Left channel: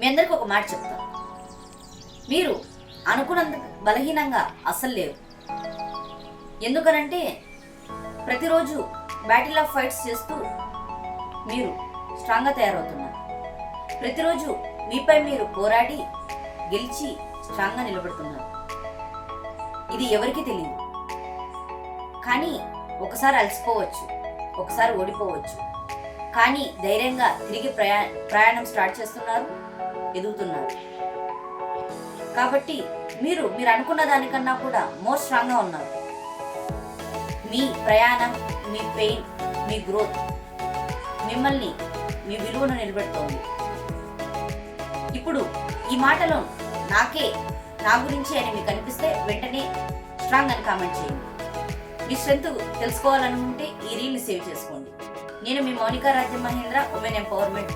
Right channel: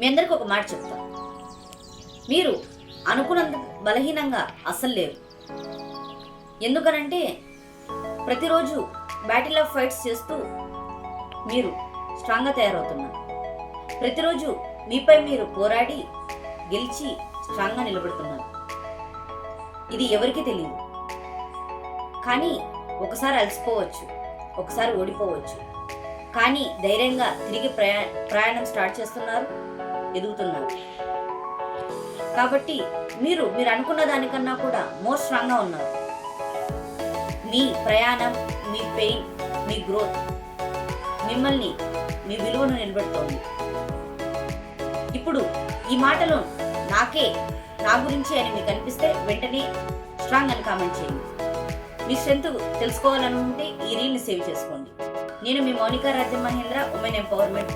మీ అందరికి ఒక మాట చెప్తా. మీరు అనుకున్నంత బలహీనంగా అస్సలు లేరు. ఎందుకనంటే ప్రతిరోజు బ్యాటిల్ ఆఫ్ ఫైట్స్ చేస్తూ మీరు స్ట్రాంగ్గా తయారవుతున్నారు. ప్రతిరోజు మీపై మీరు పోరాడి గెలిచి స్ట్రాంగ్గా నిలబడుతున్నారు. ఇది ఎవరికి తెలియదు. కానీ ఒకసారి అలసిపోవచ్చు. ఒకసారి ఓడిపోవచ్చు. కానీ ధైర్యంగా తిరిగి ప్రయా ప్రయాణం స్టార్ట్ చేస్తున్నారు. ఎదుగుతున్నారు. కాబట్టి మీరు మీరు అనుకున్న దానికన్నా కూడా మోర్ స్ట్రాంగ్గా ఉన్నారు. మీ ప్రయాణం మీ పెయిన్ మీ గ్రోత్ మిమ్మల్ని మీ విలువను నిలబెడుతోంది. ఇప్పుడు ఈ మాటలు నాకే నా గురించి అని మీకు అనిపిస్తే వెంటనే స్ట్రాంగ్ అని కామెంట్ చేయండి. మీ స్ట్రెంత్ తెలుసుకోవాలనుకుంటే ఈ రీల్ని సేవ్ చేసుకోండి. నేను మీ మౌనికా రాజ్య మహేంద్ర ఉమెన్ ఎంపవర్మెంట్